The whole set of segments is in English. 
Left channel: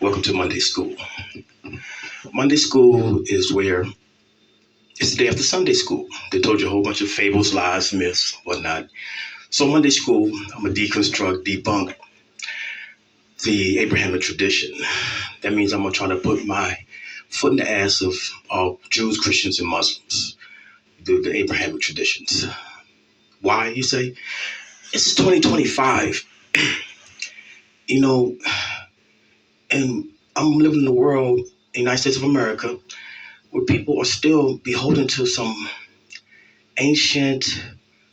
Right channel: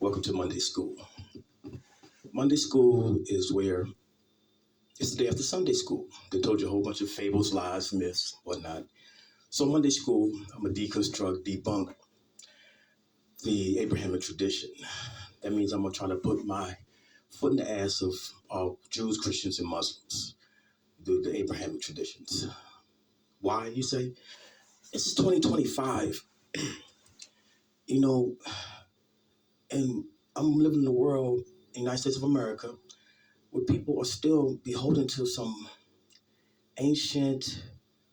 Welcome to Monday School. Monday School is where it's the day after Sunday School. They told you a whole bunch of fables, lies, myths, whatnot. So Monday School, I'm gonna deconstruct, debunk the Abrahamic tradition. That means I'm gonna try to put my foot in the ass of all Jews, Christians, and Muslims. The Abrahamic traditions. Why, you say? It's 2025, you know, and I'm living in a world, the United States of America, where people are still beholden to some ancient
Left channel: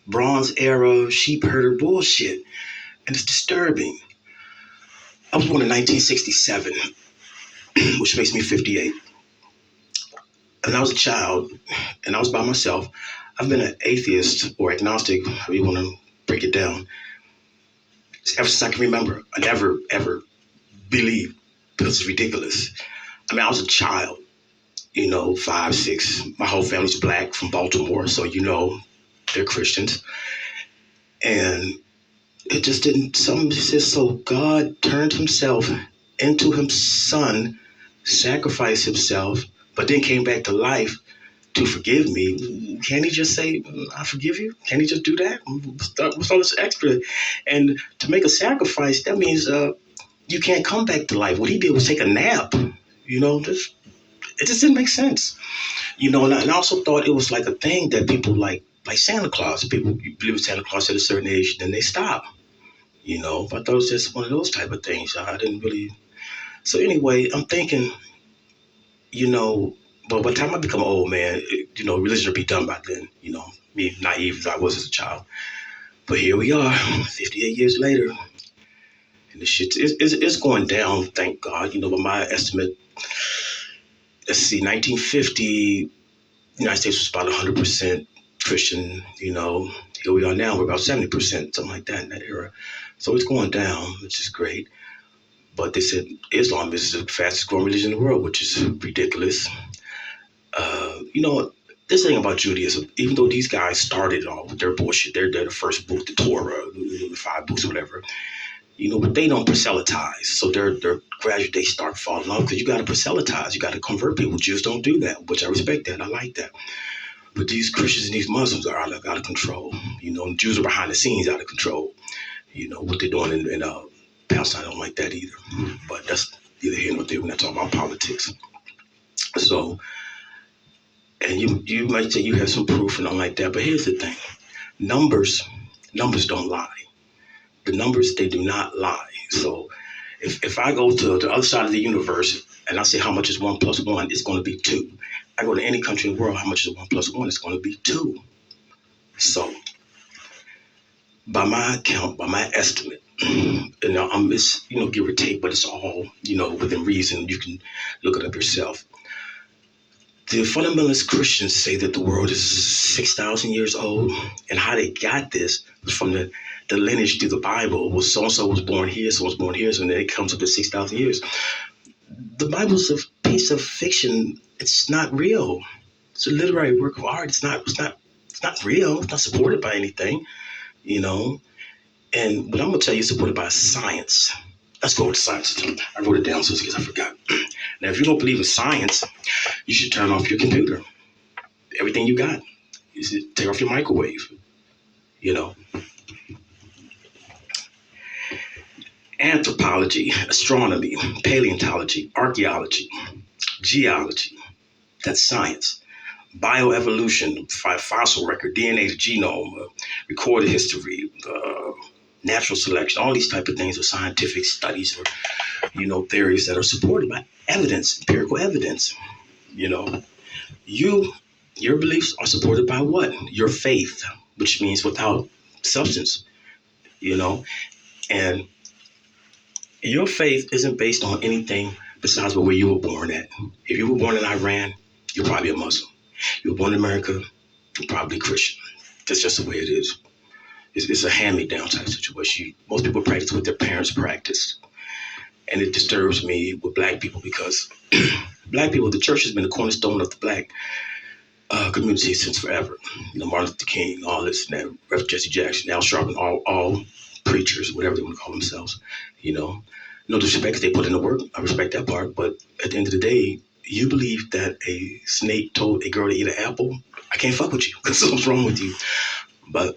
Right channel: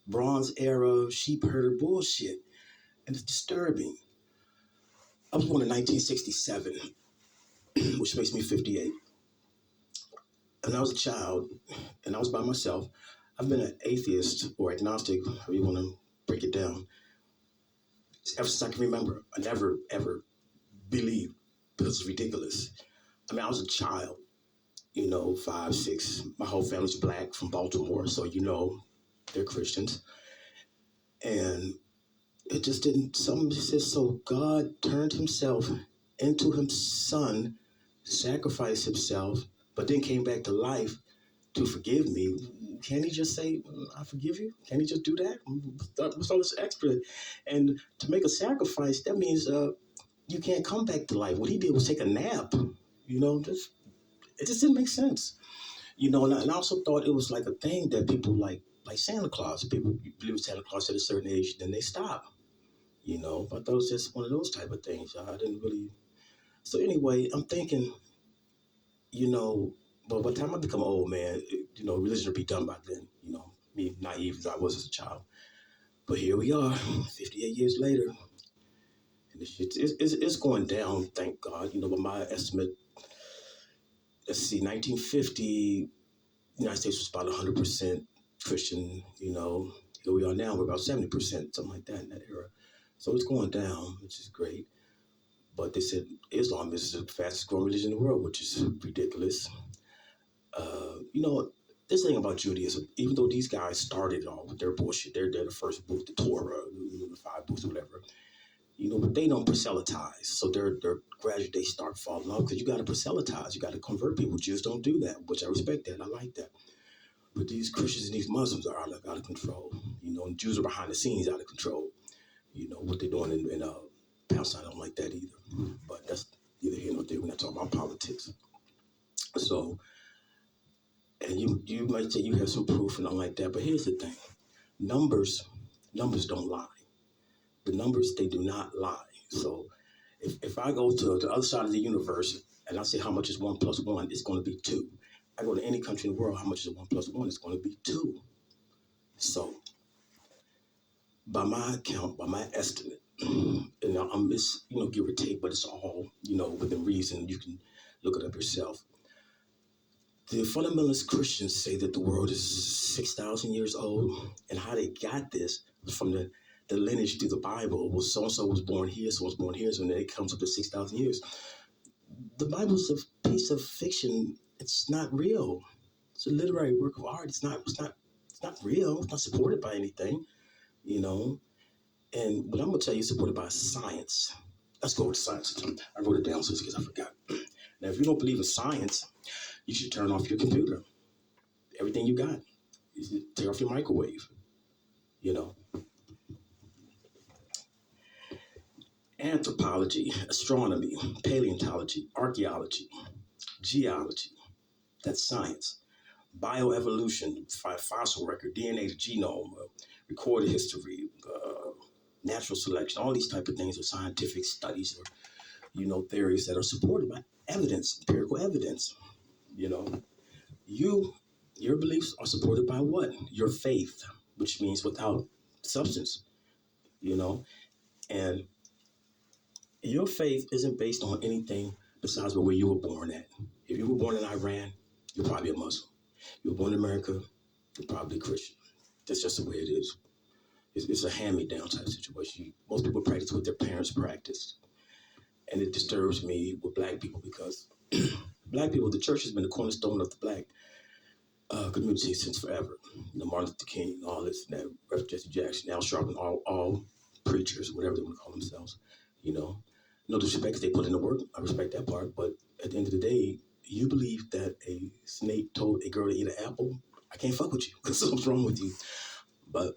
Bronze Era sheep herder bullshit. And it's disturbing. I was born in 1967, which makes me 58. And I was a child, and I was by myself. I've been an atheist or agnostic, however you want to break it down, ever since I can remember. I never, ever believed because it's ridiculous. I mean, I was a child, 5, 6. My whole family's black from Baltimore, so they're Christians. And it just didn't, something says, so God turned himself into his son, sacrificed himself, but then came back to life to forgive me. Can't he just say, I forgive you? Can't he just do that? What's all this extra? And to make a sacrifice, that means you can't come back to life. What he did was take a nap. It just didn't make sense. And I also thought it was like a thing that people like Santa Claus. People believe in Santa Claus at a certain age, then they stop. But I thought it was just one of those type of things. I didn't really. So anyway, I'm thinking, but by the time I become an old man, religion will be done by then. Me naive as I was as a child. But here we are, 58 years later, and the shit is going down. Thank God. By my estimate, let's see, 1950, the United States was about 100% Christian. Here we are now, we're about 70%, something like that in that era. So it's going down, which is great. But they said Islam is the fastest growing religion in the world, which is ridiculous. This thing about Judaism, even though these guys started it all with their bullshit, they're the first book, the Torah, the 5 books, whatever. But they don't proselytize. So they're gradually they start falling off because you got to proselytize. You got to convert people. Jews don't do that, which I respect that. I like that. But these Christians and these Muslims are out of control. Jews are behind the scenes out of control. What they're doing in Palestine, I don't like that either. But that's neither here nor there. We're not talking about politics. So, and you might say you have some proof and all like that, but here's the thing. Numbers don't lie. The numbers, they do not lie. So if I go to the other side of the universe and I say how much is 1 plus 1, it's going to be 2. I go to any country in the world, how much is 1 plus 1? It's going to be 2. So by my account, by my estimate, I'm just, give or take, but it's all, within reason. You can look it up yourself. The fundamentalist Christians say that the world is 6,000 years old, and how they got this was from the lineage through the Bible. Was so and so was born here, so was born here, so then it comes up to 6,000 years. The Bible's a piece of fiction. It's not real. It's a literary work of art. It's not real. It's not supported by anything, And what I'm gonna tell you is supported by science. Let's go with science. I wrote it down so in case I forgot. Now, if you don't believe in science, you should turn off your computer. Everything you got. You should take off your microwave. Anthropology, astronomy, paleontology, archaeology, geology. That's science. Bioevolution, fossil record, DNA, the genome, recorded history, natural selection. All these type of things are scientific studies or theories that are supported by evidence, empirical evidence. Your beliefs are supported by what? Your faith, which means without substance, and your faith isn't based on anything besides where you were born at. If you were born in Iran, you're probably a Muslim. You were born in America, you're probably Christian. That's just the way it is. It's a hand-me-down type situation. Most people practice what their parents practiced. And it disturbs me with black people because black people, the church has been the cornerstone of the black community since forever. Martin Luther King, all this, and that, Reverend Jesse Jackson, Al Sharpton, all preachers, whatever they want to call themselves, No disrespect, 'cause they put in the work. I respect that part. But at the end of the day, you believe that a snake told a girl to eat an apple. I can't fuck with you. That's what's wrong with you. But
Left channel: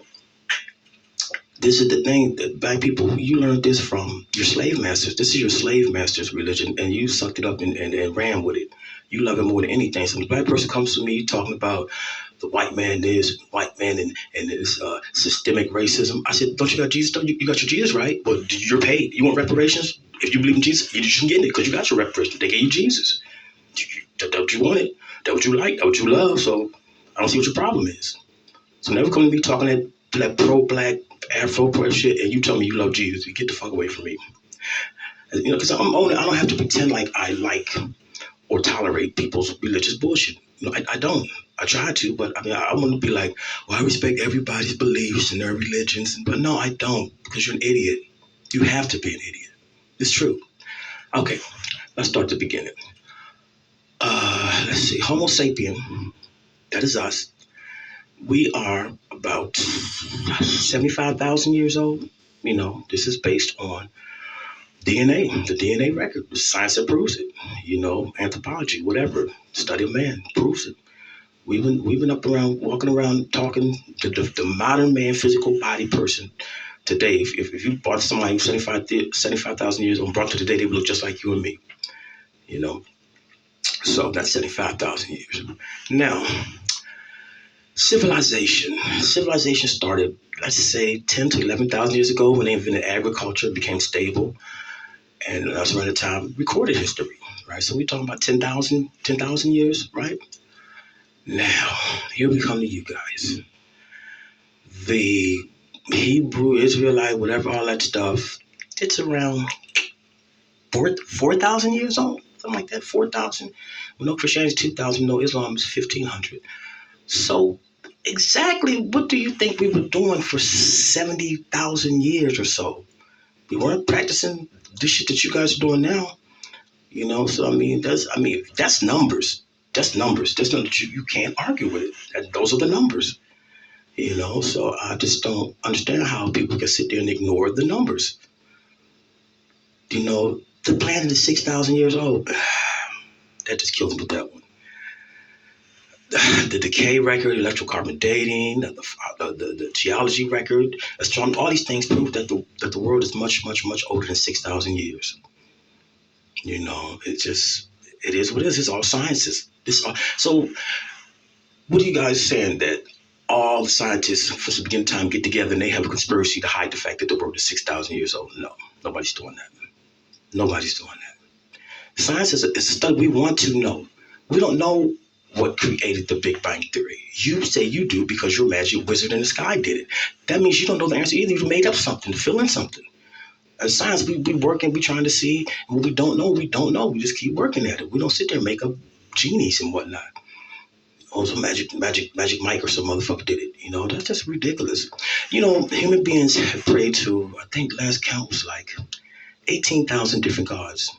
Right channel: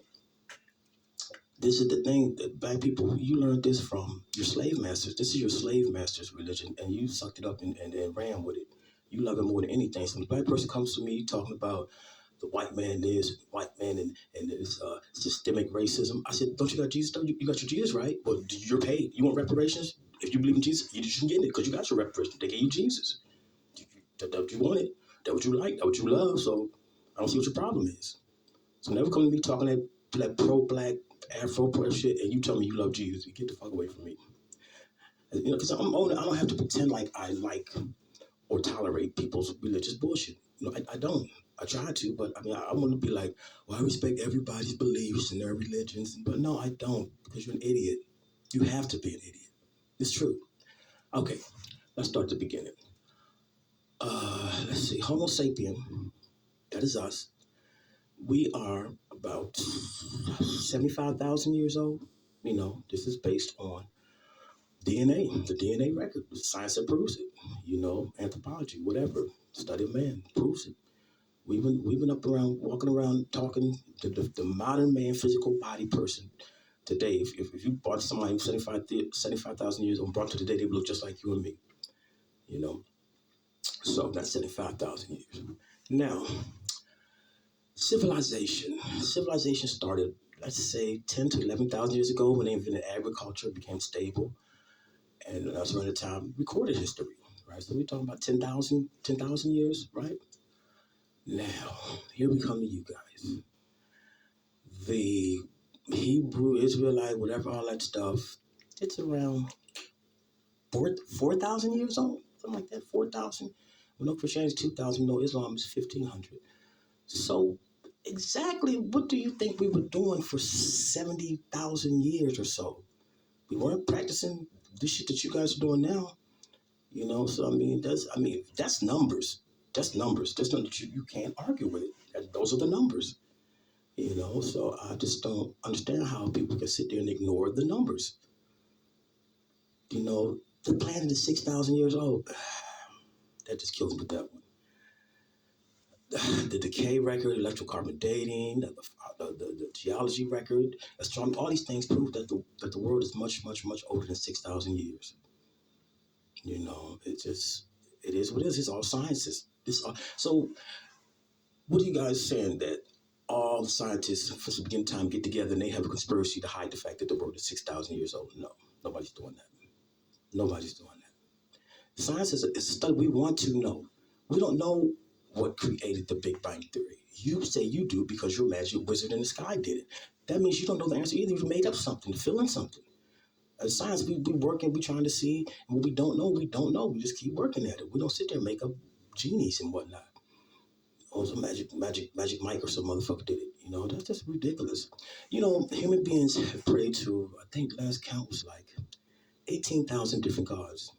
this is the thing that black people, you learned this from your slave masters. This is your slave master's religion, and you sucked it up and ran with it. You love it more than anything. So when a black person comes to me talking about the white man this, white man and this systemic racism, I said, don't you got Jesus though? You got your Jesus, right? Well, you're paid. You want reparations? If you believe in Jesus, you shouldn't get it because you got your reparations. They gave you Jesus. That's what you wanted. That's what you like. That's what you love. So I don't see what your problem is. So never come to me talking that pro-black Afro pro shit, and you tell me you love Jesus. You get the fuck away from me. You know, because I don't have to pretend like I like or tolerate people's religious bullshit. You know, I don't. I try to, but I mean, I want to be like, well, I respect everybody's beliefs and their religions, but no, I don't, because you're an idiot. You have to be an idiot. It's true. Okay, let's start the beginning. Let's see. Homo sapien, that is us. We are about 75,000 years old. You know, this is based on DNA, the DNA record. Science that proves it. You know, anthropology, whatever, study of man proves it. We've been up around, walking around, talking to the modern man, physical body person today. If you brought somebody who's 75,000 years old and brought to today, they would look just like you and me. You know, so that's 75,000 years. Now, civilization started, let's say, 10 to 11,000 years ago when they invented agriculture, it became stable, and that's around the time recorded history, right? So we're talking about 10,000 years, right? Now, here we come to you guys. The Hebrew, Israelite, whatever, all that stuff, it's around 4,000 years old, something like that, 4,000. We know Christianity is 2,000, we know Islam is 1,500. So exactly what do you think we were doing for 70,000 years or so? We weren't practicing this shit that you guys are doing now. You know, so that's numbers. That's numbers. That's not you can't argue with it. Those are the numbers. You know, so I just don't understand how people can sit there and ignore the numbers. You know, the planet is 6,000 years old. That just kills me with that one. The decay record, electrocarbon dating, the geology record, astronomy, all these things prove that the world is much, much, much older than 6,000 years. You know, it is what it is. It's all sciences. So what are you guys saying that all the scientists from the beginning of time get together and they have a conspiracy to hide the fact that the world is 6,000 years old? No, nobody's doing that. Nobody's doing that. Science is a study. We want to know. We don't know what created the Big Bang Theory. You say you do because your magic wizard in the sky did it. That means you don't know the answer either. You made up something to fill in something. As science, we working, we trying to see, and what we don't know, we don't know. We just keep working at it. We don't sit there and make up genies and whatnot. Oh, some magic Mike or some motherfucker did it. You know, that's just ridiculous. You know, human beings have prayed to, I think last count was like 18,000 different gods.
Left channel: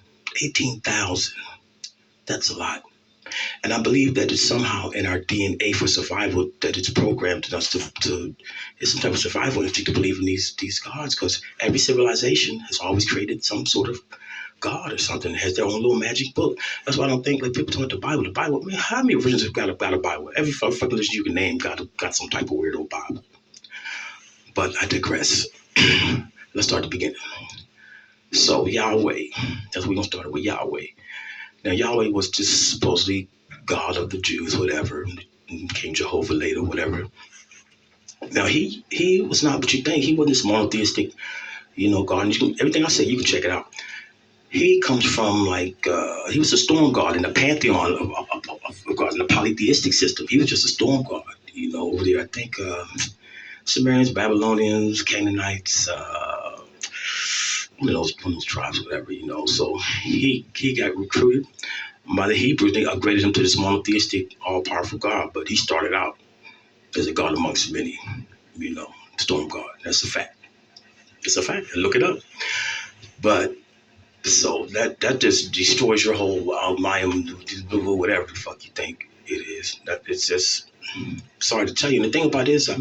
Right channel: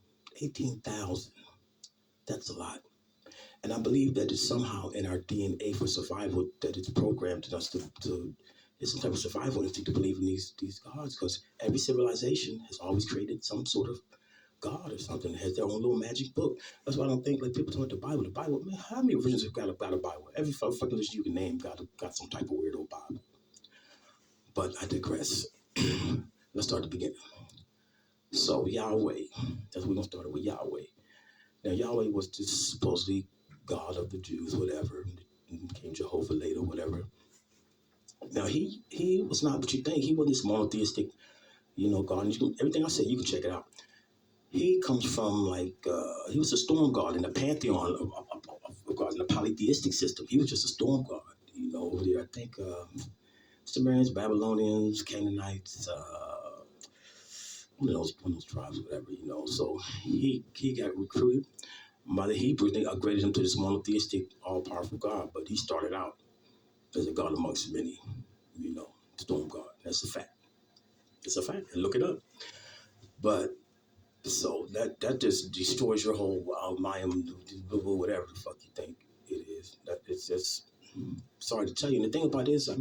18,000. That's a lot. And I believe that it's somehow in our DNA for survival that it's programmed in us to it's some type of survival instinct to believe in these gods, because every civilization has always created some sort of god or something, has their own little magic book. That's why I don't think like people talk about the Bible. The Bible, man, how many religions have got a Bible? Every fucking religion you can name got some type of weirdo Bible. But I digress. Let's start at the beginning. So Yahweh, that's what we're gonna start with, Yahweh. Now Yahweh was just supposedly God of the Jews, whatever. King Jehovah later, whatever. Now he was not what you think. He wasn't this monotheistic, God. And everything I say, you can check it out. He comes from he was a storm god in the pantheon of God in the polytheistic system. He was just a storm god, over there. I think Sumerians, Babylonians, Canaanites, one of those tribes, whatever, So he got recruited by the Hebrews. They upgraded him to this monotheistic, all-powerful God, but he started out as a god amongst many, storm god. That's a fact. It's a fact. Look it up. But so that just destroys your whole mind, whatever the fuck you think it is. That it's just sorry to tell you. And the thing about it is, I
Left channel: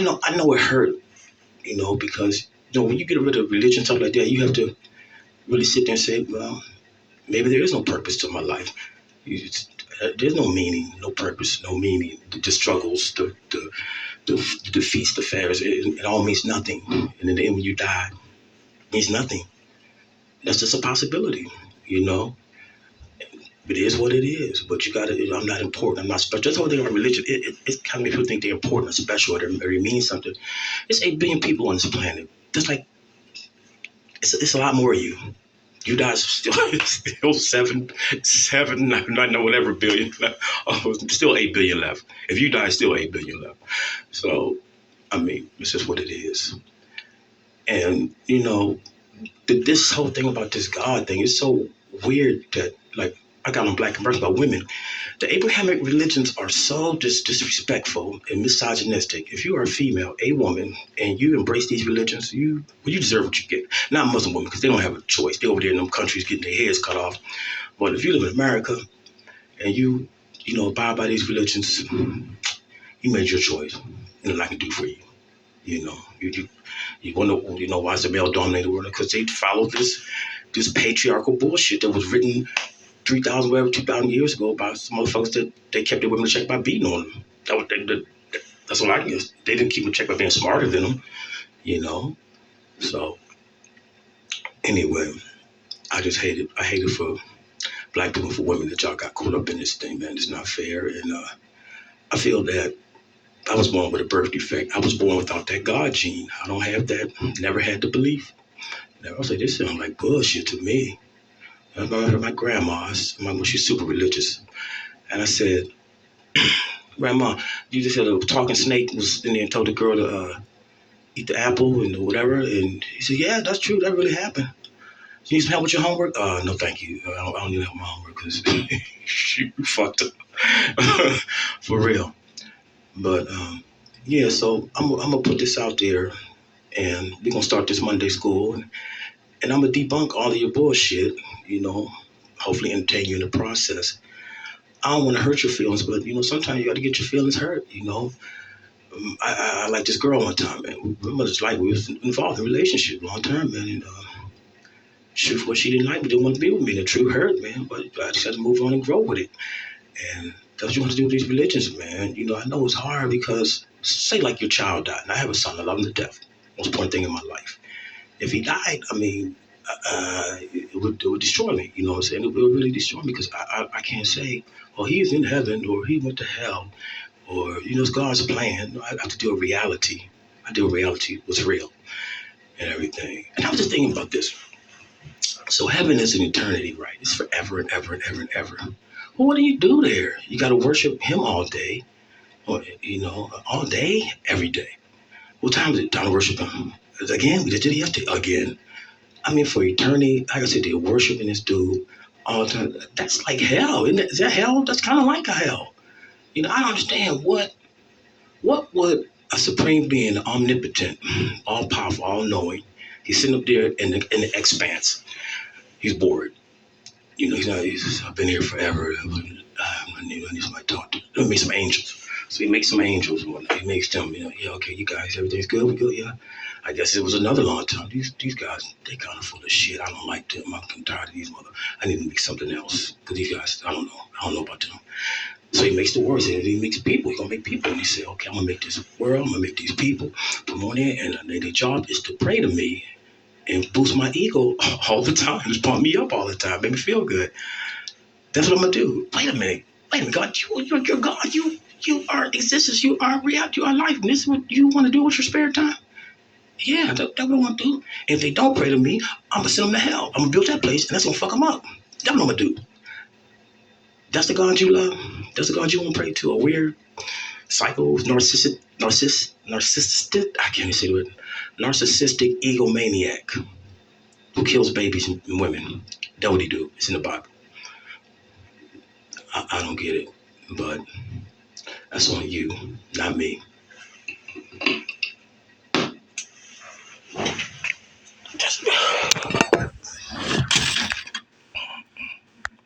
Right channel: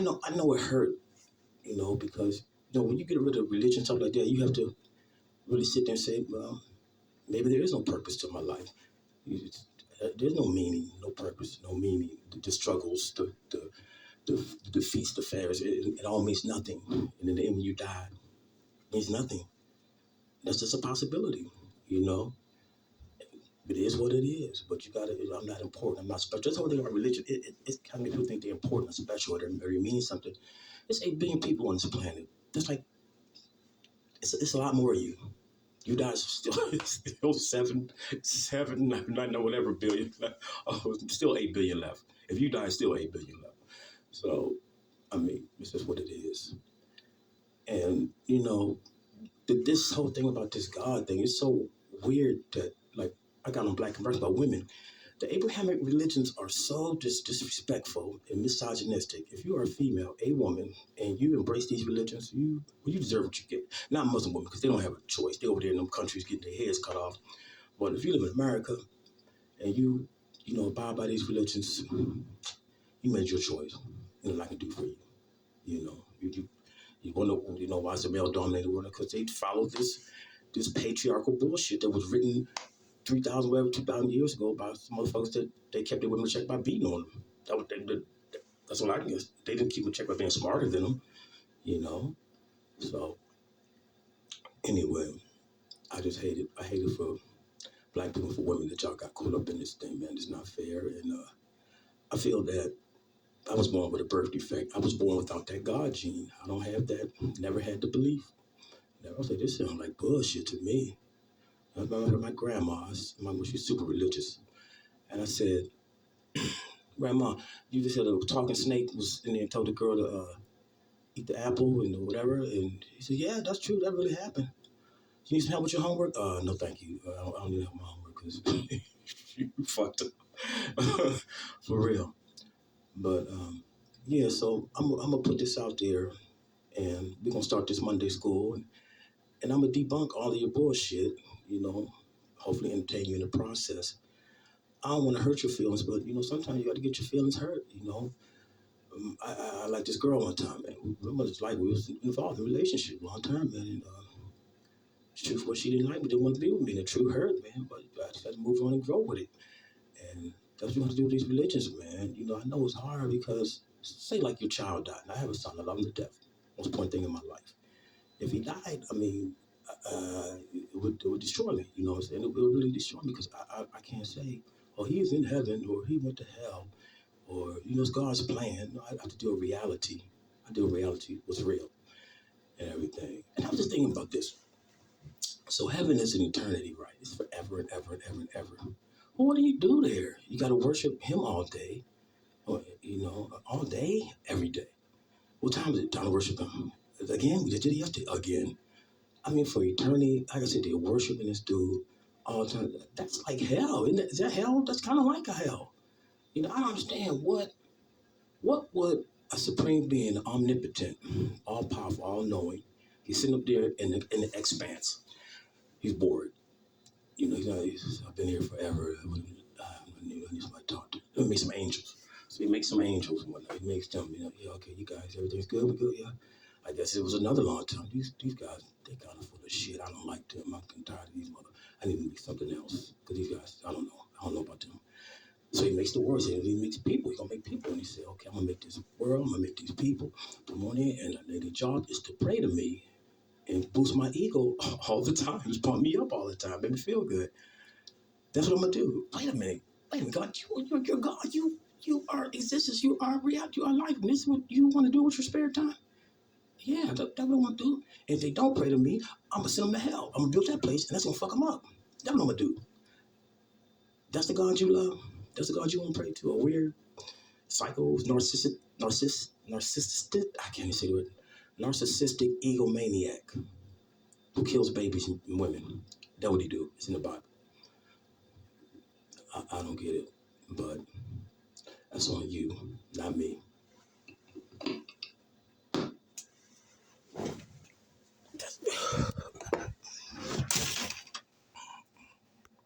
know it hurt, because when you get rid of religion, stuff like that, you have to really sit there and say, well, maybe there is no purpose to my life. There's no meaning, no purpose, no meaning. The struggles, the defeats, the failures, it all means nothing. And in the end, when you die, it means nothing. That's just a possibility, you know. It is what it is. But you gotta, I'm not important. I'm not special. That's the whole thing about religion. It's kind of people think they're important or special or they mean something. It's 8 billion people on this planet. Just like it's a lot more of you. You guys still seven, not know whatever billion left. Oh, still 8 billion left. If you die, still 8 billion left. So, I mean, it's just what it is. And this whole thing about this God thing is so weird that like I got on Black Conversion about women. The Abrahamic religions are so disrespectful and misogynistic. If you are a female, a woman, and you embrace these religions, you deserve what you get. Not Muslim women, because they don't have a choice. They're over there in them countries getting their heads cut off. But if you live in America and you abide by these religions, you made your choice. And nothing I can do for you. You wonder, why is the male dominated world? Because they follow this patriarchal bullshit that was written 3,000, whatever, 2,000 years ago by some motherfuckers that they kept their women in check by beating on them. That's what I guess. They didn't keep them in check by being smarter than them, So, anyway, I just hate it. I hate it for Black people, for women, that y'all got caught up in this thing, man. It's not fair. And I feel that I was born with a birth defect. I was born without that God gene. I don't have that. Never had the belief. Never. I was like, this sounds like bullshit to me. I heard my grandma's. She's super religious. And I said, Grandma, you just said a talking snake was in there and told the girl to eat the apple and whatever. And he said, yeah, that's true. That really happened. You need some help with your homework? No, thank you. I don't need help with my homework because you fucked up. For real. But, yeah, so I'm going to put this out there, and we're going to start this Monday school. And I'm going to debunk all of your bullshit, hopefully entertain you in the process. I don't want to hurt your feelings, but, sometimes you got to get your feelings hurt, I liked this girl one time, man. We was involved in a relationship long time, man. And shoot, what she didn't like me, didn't want to be with me. The truth hurt, man. But I just had to move on and grow with it. And that's what you want to do with these religions, man. I know it's hard because, say like your child died. And I have a son, I love him to death. Most important thing in my life. If he died, I mean, it would destroy me. You know what I'm saying? It would really destroy me because I can't say, oh, he's in heaven or he went to hell or, it's God's plan. I have to deal with reality. I deal with reality, what's real and everything. And I was just thinking about this. So heaven is an eternity, right? It's forever and ever and ever and ever. Well, what do you do there? You got to worship him all day, or, all day, every day. What time is it? Time to worship him. Again, we just did it yesterday. Again. I mean, for eternity, like I said, they're worshiping this dude all the time. That's like hell, isn't it? Is that hell? That's kind of like a hell. I don't understand what would a supreme being, omnipotent, all powerful, all knowing, he's sitting up there in the expanse. He's bored. I've been here forever. I need somebody to talk to. Let me make some angels. So he makes some angels and whatnot. He makes them, yeah, okay, you guys, everything's good, we good, yeah. I guess it was another long time. These guys, they kind of full of shit. I don't like them. I'm tired of these I need to make something else. Because these guys, I don't know about them. So he makes the words, and he makes people. He's going to make people. And he said, okay, I'm going to make this world. I'm going to make these people. Put them on there. And their job is to pray to me and boost my ego all the time. Just pump me up all the time. Make me feel good. That's what I'm going to do. Wait a minute, God. You're God. You are existence. You are reality. You are life. And this is what you want to do with your spare time? Yeah, that's what I want to do. And if they don't pray to me, I'm going to send them to hell. I'm going to build that place, and that's going to fuck them up. That's what I'm going to do. That's the God you love? That's the God you want to pray to? A weird, psycho, narcissistic, I can't even say the word, narcissistic egomaniac who kills babies and women. That's what he do. It's in the Bible. I don't get it, but that's on you, not me.